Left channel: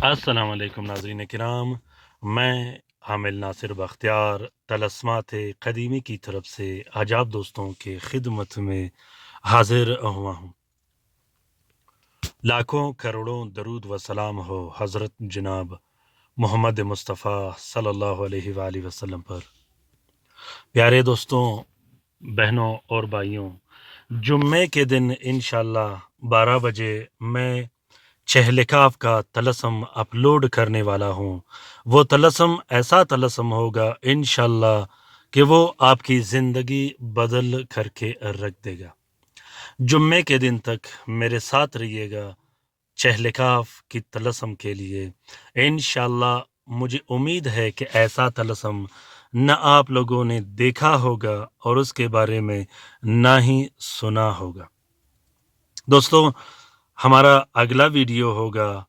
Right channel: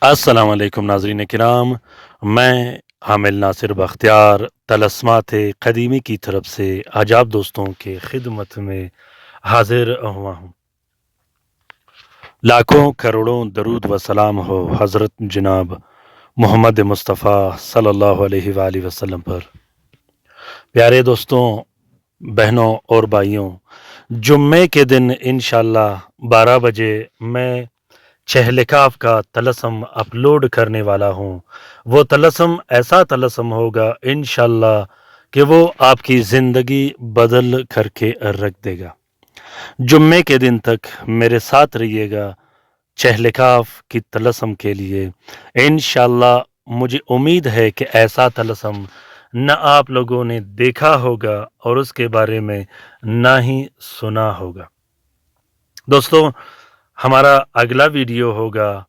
अस्सलाम वालेकुम नाज़रीन किराम, मैं हामिल नासिर बख्तियार तलस्मात क़दीमी की तरफ से आज आप दोस्तों के खिदमत में हाजिर हुआ हूँ। लाखों करोड़ों दरूद व सलाम हो हज़रत जनाब मोहम्मद मुस्तफ़ा सल्लल्लाहु अलैहि वालैहि वसल्लम पर। प्यारे दोस्तों, बहनों और भाइयों, जुम्मे के दिन इंशाअल्लाह 12 बजे मैं चहलकाफ का तलस्म अपलोड करने वाला हूँ। वो तलस्म ऐसा तलस्म होगा इंशाअल्लाह कि वो आपकी ज़िंदगी बदल करके रख देगा। जुम्मे के दिन तक मेरे साथ रहिएगा चहलकाफ की तलस्म के लिए। इंशाअल्लाह मुझे उम्मीद है कि ऐसा तलस्म न आप लोगों ने देखा होगा और उसके बारे में ना ही सुना होगा। दोस्तों, हमारा अगला वीडियो होगा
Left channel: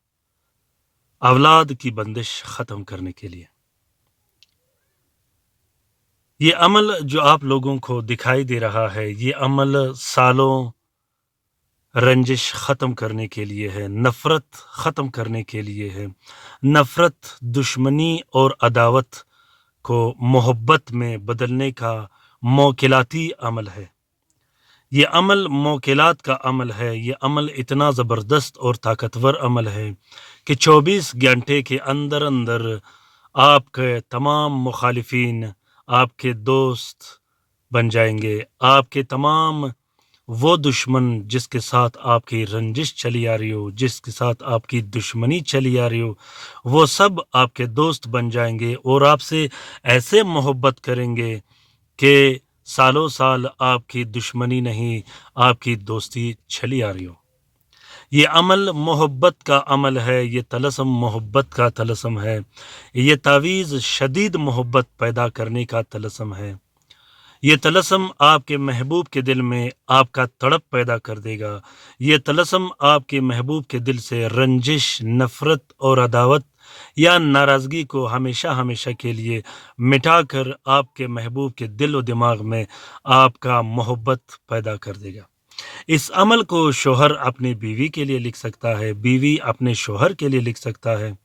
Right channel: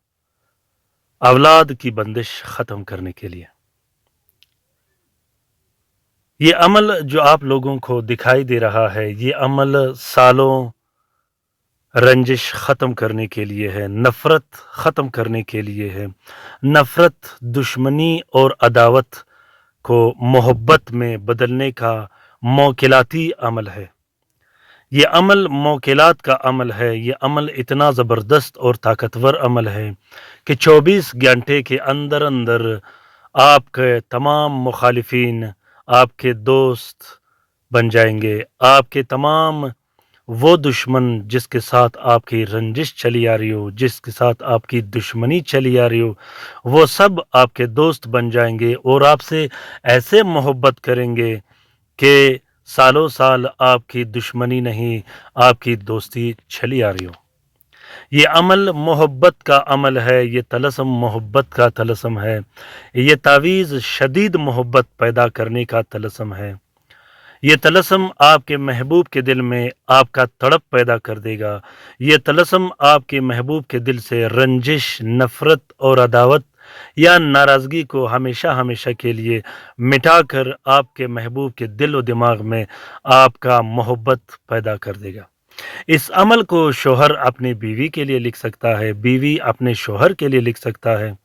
औलाद की बंदिश ख़त्म करने के लिए। ये अमल जो आप लोगों को दिखाई दे रहा है, ये अमल सालों रंजिश ख़त्म करने के लिए है, नफ़रत ख़त्म करने के लिए है। नफ़रत, दुश्मनी और अदावत को मोहब्बत में बदलने का मौकिलाती अमल है। ये अमल मौकिलात का अमल है। ये अमल इतना ज़बरदस्त और ताकतवर अमल है कि 24 घंटे के अंदर अंदर आपके तमाम मुखालिफिन आपके दोस्त बन जाएंगे। आपके तमाम वो दुश्मन जिसके साथ आपकी रंजिश चली आ रही हो, जिसके साथ आपकी दुश्मनी चली आ रही हो, वो सब आपके दोस्त बन जाएंगे और आपसे ऐसे मोहब्बत करेंगे कि सालों साल आपकी दुश्मनी नहीं, आपकी दोस्ती चली आ रही हो। ये अमल मोहब्बत का अमल है। ये तलस्म मोहब्बत का तलस्म है। ये तावीज़ शदीद मोहब्बत पैदा करने का तलस्म है। ये तलस्म आपके महबूब के दिल में आपका तड़प पैदा कर देगा। ये तलस्म आपके महबूब के दिल से रंजिश, नफ़रत और अदावत या नाराज़गी को हमेशा हमेशा के लिए मिटाकर आपके महबूब के दिल और दिमाग में आपका मोहब्बत पैदा कर देगा। इस अमल को शोहर अपनी बीवी के लिए लिख सकता है, बीवी अपने शोहर के लिए लिख सकता है,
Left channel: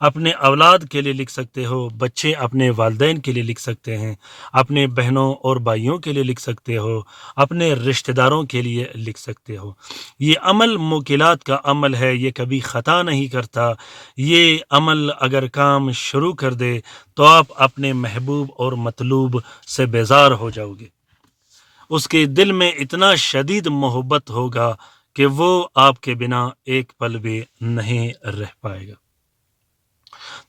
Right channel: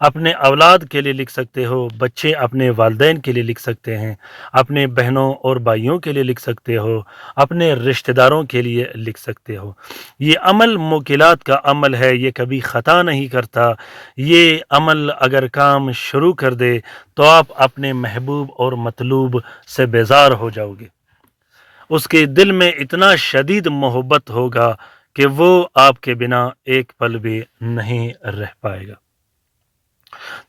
अपने औलाद के लिए लिख सकते हो, बच्चे अपने वालिदैन के लिए लिख सकते हैं, अपने बहनों और भाइयों के लिए लिख सकते हो, अपने रिश्तेदारों के लिए लिख सकते हो। ये अमल मुकिलात का अमल है। ये कभी ख़ता नहीं करता। ये अमल अगर काम शुरू कर दे तो आप अपने महबूब और मतलूब से बेज़ार हो जाओगे। उसके दिल में इतना शदीद मोहब्बत होगा कि वो आपके बिना एक पल भी नहीं रह पाएगा।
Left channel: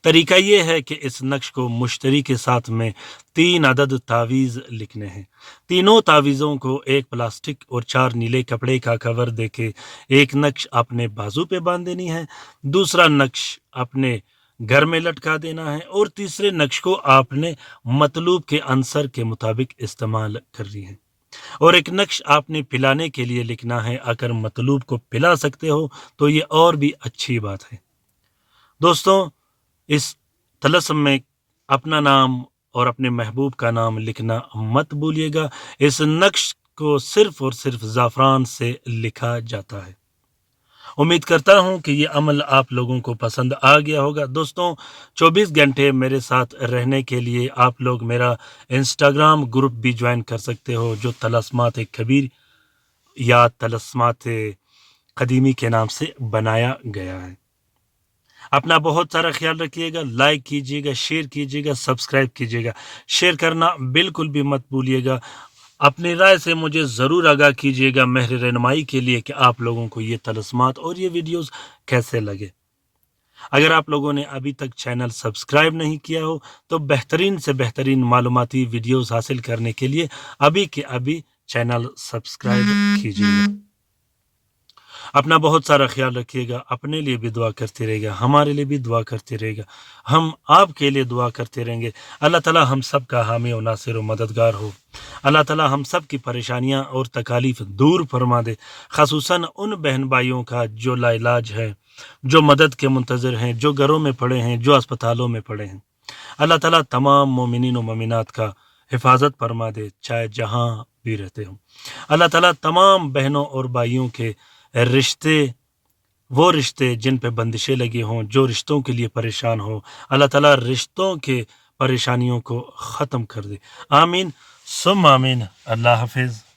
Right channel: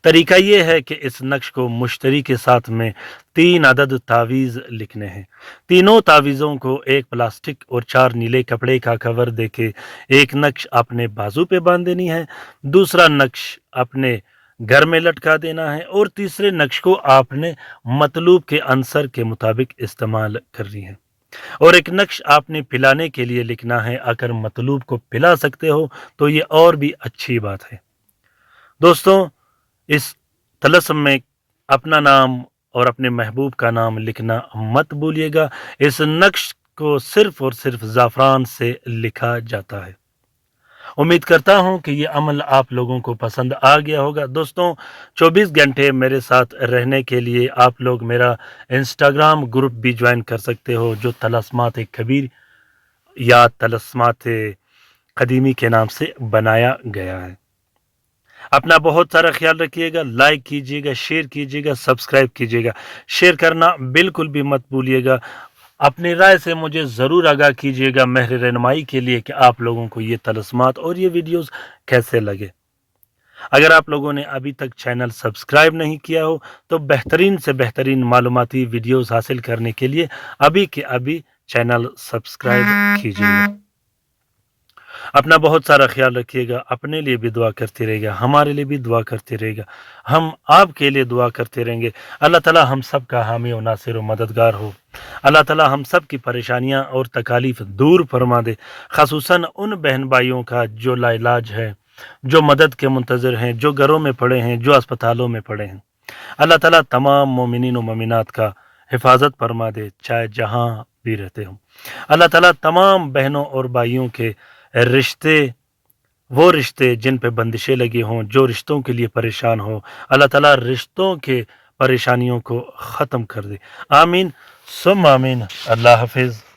तरीका ये है कि इस नक्श को मुश्तरी के साथ में 3 अदद तावीज़ लिखने हैं। तीनों तावीज़ों को एक प्लास्टिक और 4 नीले कपड़े का कवर देके एक नक्श अपने बाजू पे बांध देनी है, दूसरा नक्श अपने घर में लटका देना है और तीसरे नक्श को आपने मतलूब के अंसर के मुताबिक इस्तेमाल करनी है। और एक नक्श आपने पिलाने के लिए लिखना है। अगर मतलूब को पिला सकते हो तो ये और भी अच्छी बात है। दोस्तों, इस तलस्म में अपना नाम और अपने महबूब का नाम लिखना मत भूलिएगा। इस नक्श को सिर्फ और सिर्फ ज़ाफ़रान से लिखा जाता है। उम्मीद करता हूँ कि ये अमल आप लोगों को पसंद आ गया होगा। दोस्तों, 24 घंटे मेरे साथ रहने के लिए आप लोग मेरा इंस्टाग्राम ग्रुप भी ज्वाइन कर सकते हो, जो तलस्मात कबीर या तलस्मात क़दीमी के नाम से बनाया गया है। अपना बहुत सारा ख्याल रखिएगा। लाइक कीजिएगा, शेयर कीजिएगा, सब्सक्राइब कीजिएगा। शेयर करना बिल्कुल भी मत भूलिएगा। अपनी राय से मुझे ज़रूर आगाह कीजिएगा महर रहनुमाई के लिए कि आप लोगों को ये तलस्मात और ये वीडियोस कैसे लगे। अगर आप लोगों ने अभी तक चैनल सब्सक्राइब नहीं किया हो तो बेहतरीन से बेहतरीन मालूमाती वीडियोस हासिल करने के लिए अभी के अभी चैनल सब्सक्राइब कीजिएगा। अपना बहुत सारा ख्याल रखिएगा। अपने लिए भी दुआ करते रहिएगा, हमारे लिए भी दुआ करते रहिएगा, हम आपके लिए दुआ करते रहेंगे। अल्लाह ताला हम सब का हामी और नासिर और मददगार हो। अल्लाह ताला हम सब की परेशानियां और तकालीफ दूर फरमा दे। ख़ुसूसन उन बहन भाइयों का जो लाइलाज है, जो मदद के मुंतज़िर हैं, जो घरों में पड़े हैं, जो अस्पतालों में पड़े हैं। अल्लाह ताला तमाम मोमिनीन और मोमिनात का हिफाजत फरमा दे, चाहे जहाँ भी रहते हों। अल्लाह ताला तमाम बहनों और भाइयों के रिश्ते وہ رشتے جن پہ بندشیں لگی ہوں، جو رشتوں کے لیے پریشان ہوں، اللہ تعالیٰ رشتوں کے پریشانیوں کو ختم کر دے۔ آمین ثم آمین۔ اللہ حافظ۔